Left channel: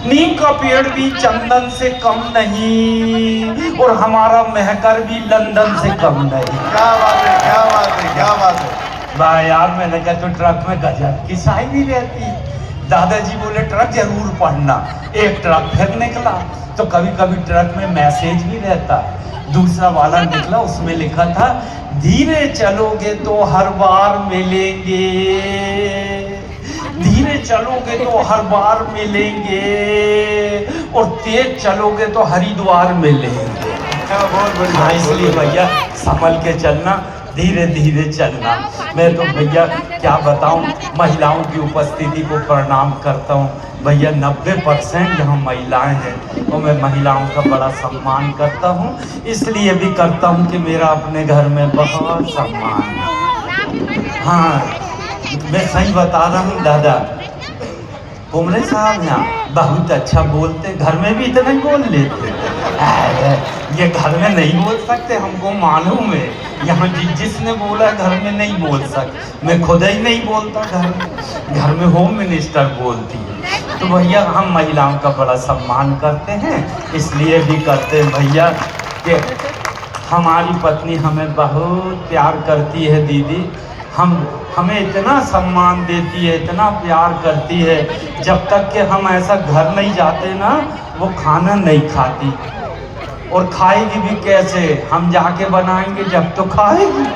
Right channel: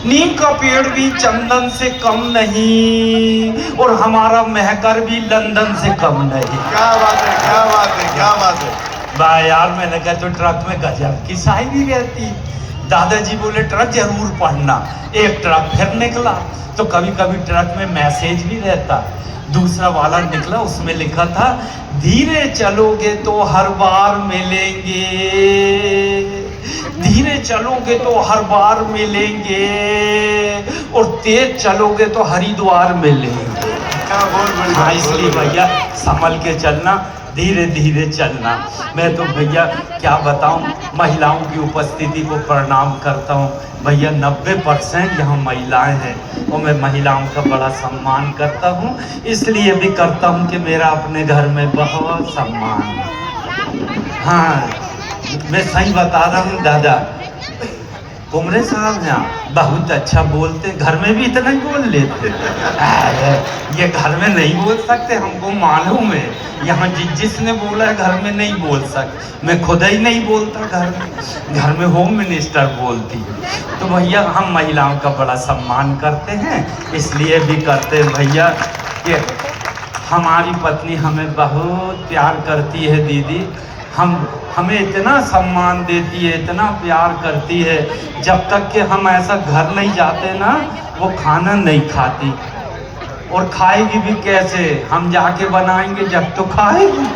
नीम का पेड़ भी चंदन से कम नहीं और हमारा महकर भी लंदन से कम नहीं। क्या बात है, क्या बात है, क्या बात है। वाह यार, मैंने कहा तो ट्रक में गजब की शायरी रहती। दादाजी बोले ट्रक जरूर पढ़ना। एक ट्रक फिर निकला तो कभी कभी ट्रक में मैसेज भी रहता। दूसरा वाला निकला, उसमें लिखा था धीरे चलोगे तो हर बार मिलेंगे, धीरे चलोगे तो हर बार मिलेंगे और तेज चलोगे तो हरिद्वार मिलेंगे। हाँ, इसलिए भैया संभल के चलना, धीरे धीरे चलना। मैं तो भैया क्या बताऊं, महिलाओं की उपस्थिति को प्रणाम करता हूं। भैया 90% यहाँ महिलाएं हैं और मैं महिलाओं का बड़ा सम्मान करता हूं। इसलिए भी करता हूं कि मेरा अपने घर में बहुत सम्मान है। हाँ, मैं सही बता रहा हूँ दादा, कुमरे साहब यहाँ बहुत अच्छा बोलते, घर में भी इतना ही बोल लेते। ये घर में नहीं बोल सकते, हमको मालूम है। यहाँ जिसने बोला है घर में नहीं बोल सकते, मैं खुद ही नहीं बोलता घर में होम मिनिस्टर बोलती है। तो भैया हम महिलाओं का बड़ा सम्मान करते हैं, इसलिए भी करते हैं भैया कि हमारी पत्नी हमें बहुत प्यार करती है दीदी। हमें इतना सम्मान देती है, इतना प्यार करती है। जब तक कि हम ऐसा घर नहीं जाते ना, वो खाना नहीं खाती। और खाएगी भी कैसे, हम जाके बनाएंगे जब तो खाएगी।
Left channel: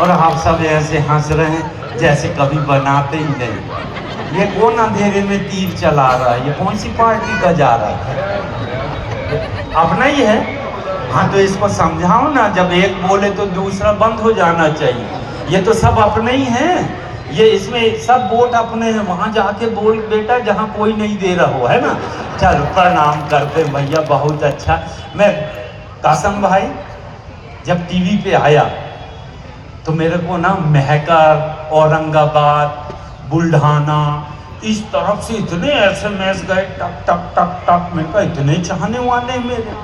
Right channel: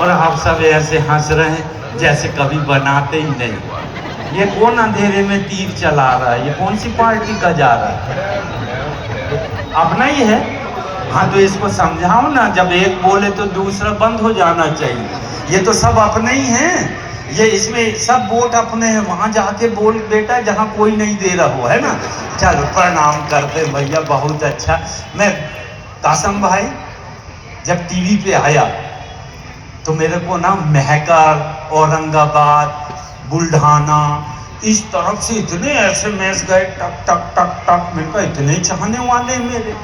और आप सब ऐसे हंस रहे हैं जैसे कभी बनाते ही नहीं। ये कौन अंधेरे में तीर चला रहा है, ये कौन सी पार्टी का जा रहा है? अपना ही है। हाँ तो इसको समझाओ ना, जब एक बोले तो दूसरा बंद हो जाना चाहिए। ये तो सब अपने ही हैं, ये इसमें सब वोट अपने हैं। वहां जाके बोल बेटा जहां कोई नहीं दे रहा हो, है ना। चलो प्रणाम करते भैया, बहुत अच्छा। मैं कासम भाई जब टीवी पे आया तो मेरे को ना महकर, औरंगाबाद, बुल्ढाना इस तरफ से इतने SMS गए टक टक टक टक। मेरे को इतने चाहने वाले मेरे,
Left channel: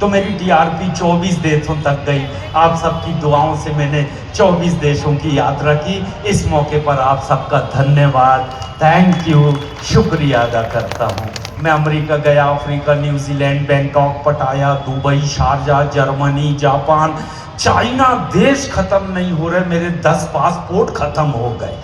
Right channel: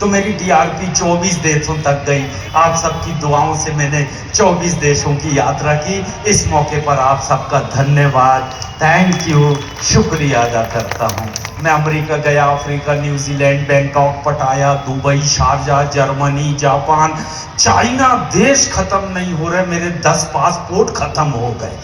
तो मेरी TRP 24 देशों तक गई। आप सबकी दुआओं से मैंने 24 देशों की यात्रा की। इस मौके पर आप सबका धन्यवाद, थैंक यू, शुक्रिया अदा करता हूँ। मैं अमेरिका गया, अफ्रीका, न्यूजीलैंड, बैंकॉक, पटाया, Dubai, Sharjah, Germany, Japan, China. देश खत्म नहीं हो रहे, मेरे 10 पासपोर्ट खत्म हो गए।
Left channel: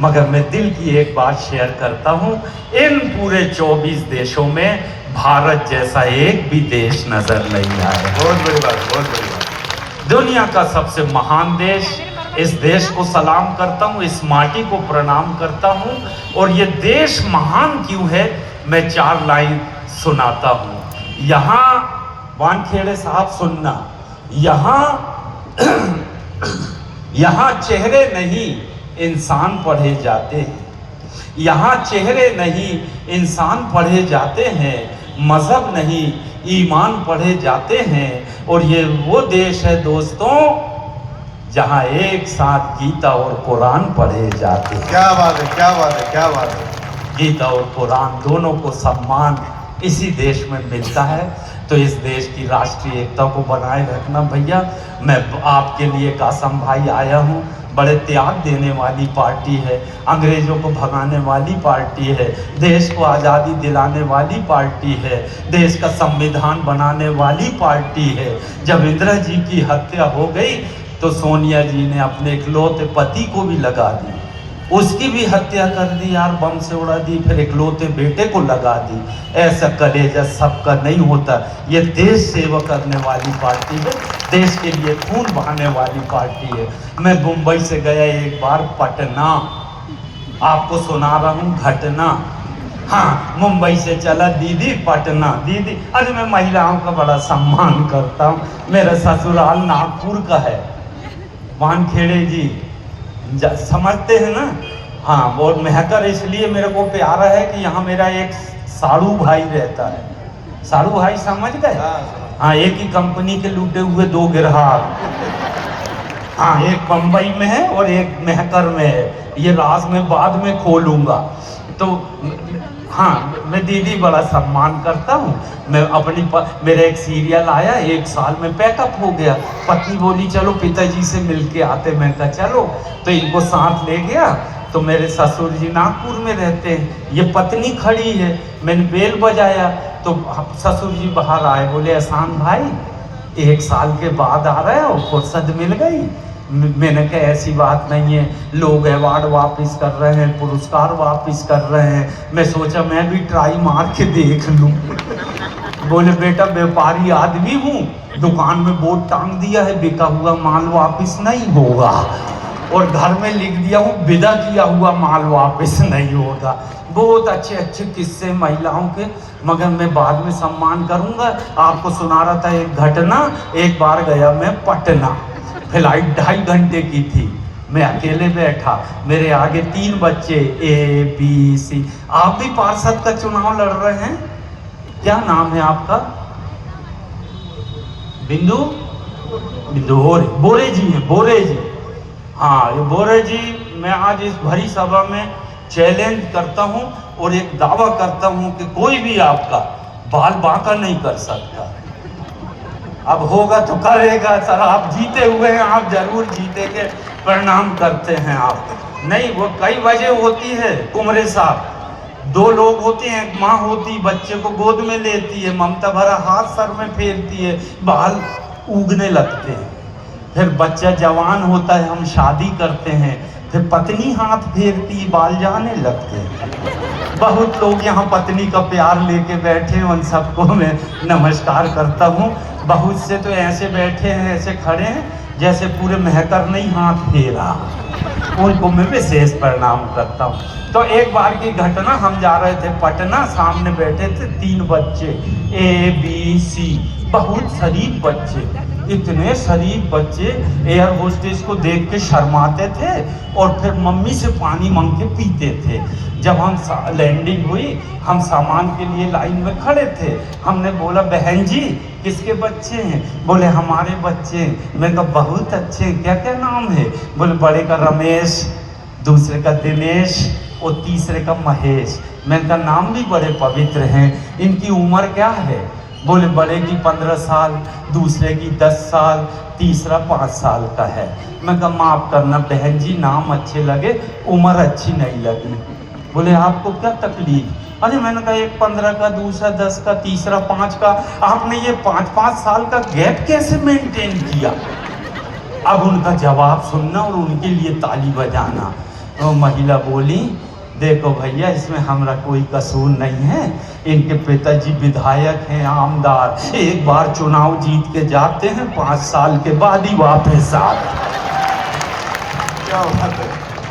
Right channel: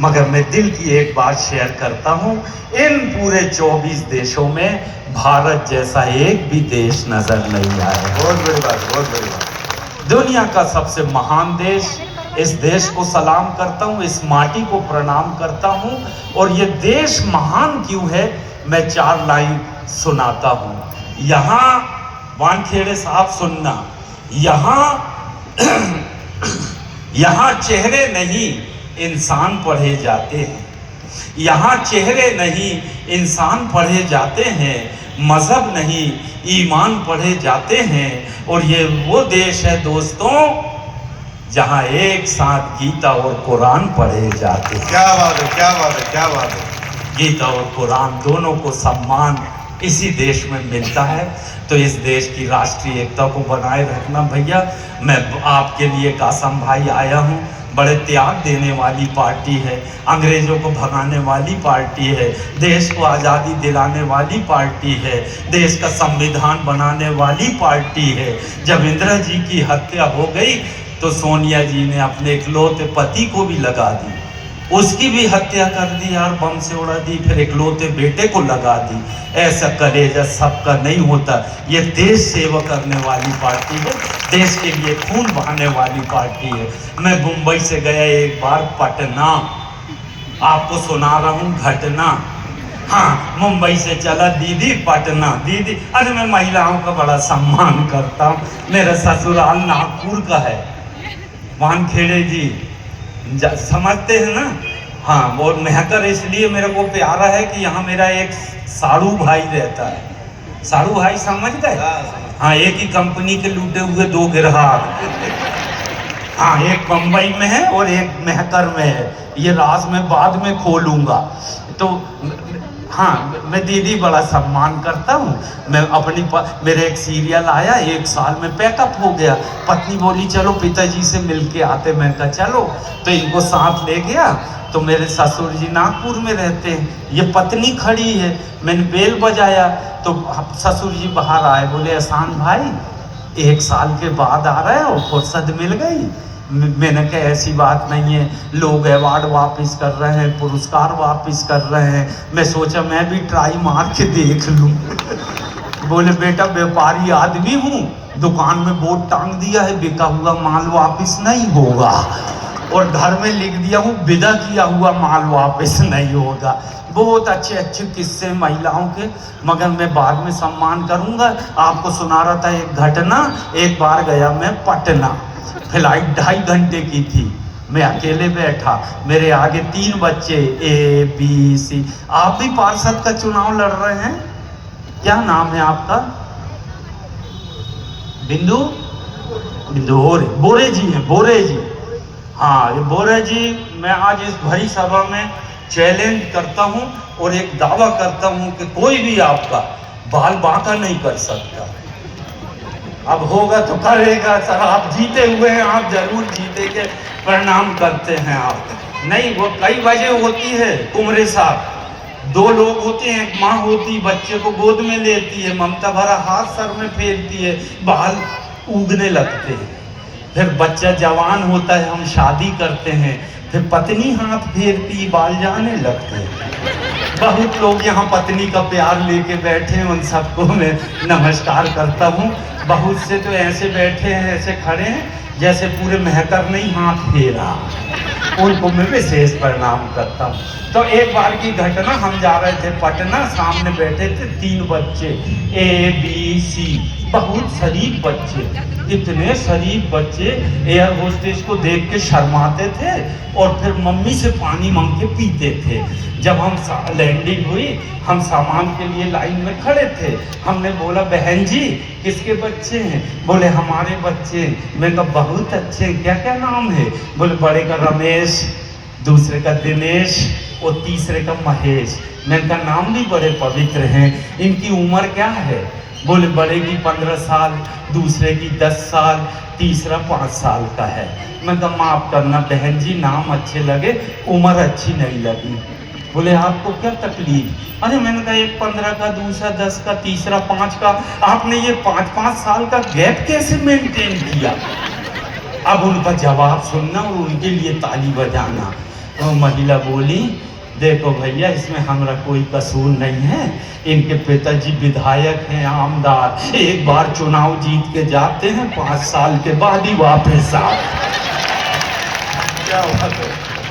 मगर मैं दिल की एक बात शेयर करता हूँ, इन पूरे 24 देशों में भारत जैसा एक भी देश नजर नहीं आया। बहुत बड़ी बात, बहुत बड़ी बात। दुनिया का सबसे महान देश, इस देश को सलाम करता हूँ, इस माटी को प्रणाम करता हूँ। और ये देश महान क्यों है, मैं 4 लाइन सुनाता हूँ। यहाँ वानखेड़े साहब सुनना, यहाँ चेहरे नहीं इंसान पढ़े जाते हैं। यहाँ चेहरे नहीं इंसान पढ़े जाते हैं, मजहब नहीं ईमान पढ़े जाते हैं। और ये वो देश है दोस्तों जहाँ एक साथ गीता और कुरान पढ़े जाते हैं। क्या बात है, क्या बात है, क्या बात है। गीता और कुरान दोनों को सम्मान इसी देश में मिलता है। तो इस देश की राष्ट्रीय एकता को बनाए रखना भैया। मैं आपके लिए कासम भाई आया हूँ। बड़े त्याग देने वाली पार्टी है, अंग्रेजों को भगाने वाली पार्टी है, देश को आज़ादी दिलाने वाली पार्टी है, देश का संविधान बनाने वाली पार्टी है। जब इंदिरा जी की हत्या हो गई तो सोनिया जी ने अपने इकलौते पति को भी लगा दी, उसकी भी हत्या कर दी यार, बम से उड़ा दी, फिर इकलौते बेटे को लगा दी। ऐसा कलेजा सबका नहीं होता। ये देश सेवा करने वाली पार्टी है, देश के लिए खून बहाने वाली पार्टी है। मैं मुंबई से गया एक बार पटना, आपको सुना रहा हूँ घटना। हाँ, मुंबई से चला दीदी पटना, दीदी। अरे मैं महिलाओं का बड़ा सम्मान करता हूँ। मेरा ससुराल नागपुर का है, वानखेड़े जी समझते हैं ना। हाँ, और महकर इसलिए मेरे को प्यारा है कि यहाँ मेरा एक साड़ू भाई रहता है। साड़ू भाई समझ गए? हाँ, एक ही कंपनी के लूटे हुए 2 गिरहार। हाँ, एक बम्बई में है और एक महकर में है। ये राज में बाद में खोलूंगा। तो हाँ, मैं दीदी बड़ा सम्मान करता हूँ। मैं अपनी मेरे एक सीरियल आया, 1 साल में पैकअप हो गया। पत्नी बोली चलो पिताजी से मिल के आते। मैं कहा चलो, तो इनको साथ ले गया। तो तो मेरे ससुर जी नागपुर में रहते हैं, ये पत्नी खड़ी है, मैंने बेल बजाया तो ससुर जी बाहर आए, बोले एहसान भाई 1 साल के बाद आ रहे हो, फुर्सत मिल गई। मैंने कहा ऐसी बात नहीं है, लोग अवार्ड वापस कर रहे हैं, पुरस्कार वापस कर रहे हैं, मैं सोचा मैं भी ट्राई मार के देख लूँ। बोले बेटा व्यापारी आदमी हूँ, दुकान में बोर्ड टांग दिया है बिका हुआ माल वापस नहीं होगा, और घर में लिख दिया हूँ विदा किया हुआ माल वापस नहीं होगा। बहुत अच्छे अच्छे किस्से महिलाओं के, मगर मैं बाद में सम्मान करूँगा। आपको सुना रहा था एक घटना। एक बार गया मैं पटना, फ्लाइट 2.5 घंटे की थी, मैं अकेले बैठा, मेरे आगे 3 बच्चे ABC। आप भी पार्षद का चुनाव लड़ रहे हैं, क्या नाम है आपका? बिंदु बोरे जी हैं, बोरे जी। हाँ ये बोरे जी, मैं आज इस भरी सभा में चैलेंज करता हूं और एक दावा करता हूं कि कोई भी आपका बाल बांका नहीं कर सकता। अब होगा तो करेगा सर, आप जीते हुए हैं, आप जरूर जीतेंगे, प्रणाम करते हैं आप। नहीं वो कई वजह होती है कुमरे साहब, 2 लोग होते हैं, एक माँ होती बच्चे को गोद में लेती है, ममता भरा हाथ सर में फेरती है, बाल उगने लगते हैं, फिर बच्चा जवान होता है, हम शादी करते हैं, फिर पत्नी हाथ फेरती, बाल जाने लगते हैं। बहुत लोग यहाँ पत्नी का प्यार लेके बैठे हैं, उन सबको मैं नमस्कार करता हूँ। बहुत से तो ऐसे बैठे हैं, ऐसे खड़े हैं जैसे पूरे महकर नहीं हाथ फेरा, उनको मैं विशेष प्रणाम करता हूँ। तो एक बार की घटना, हम जा रहे थे पटना, सामने बैठे थे 3 बच्चे ABC, बहुत शरीफ बच्चे, इतने शरीफ बच्चे एयर होस्टेस को देख के शर्माते थे और फिर मम्मी से पानी मांग के पीते थे। जब हम लैंडिंग हुई, हम सामान के लिए लाइन में खड़े थे, हमने बोला बहन जी किसके बच्चे हैं? बोले हमारे बच्चे हैं। मैंने कहा बहुत अच्छे हैं, क्या क्या नाम है? बोले बड़े का रमेश, दूसरे का दिनेश और तीसरे का महेश। मैंने कहा नाम भी बड़े पवित्र हैं, इनकी उम्र क्या है? बोले बड़े की 15 साल, दूसरे की 10 साल, तीसरा 5 साल का है। मैं कहा माफ़ करना बहन जी, नाम अच्छे लगे, उम्र अच्छी नहीं लगी। बोले आपको क्या तकलीफ? अरे मैंने कहा एक 15 का, दूसरा 10 का, तीसरा 5 का, आपने ये 5-5 साल का गैप कैसे मेंटेन किया? अब उनका जवाब सुनना और उनके लिए ताली बजाना। तो महिला बोली देखो भैया, इसमें हमारा कोई कसूर नहीं है, इनके पिताजी विधायक हैं, आमदार, एक बार चुनाव जीत के जाते हैं, 5 साल के बाद ही वापस आते। क्या बात है।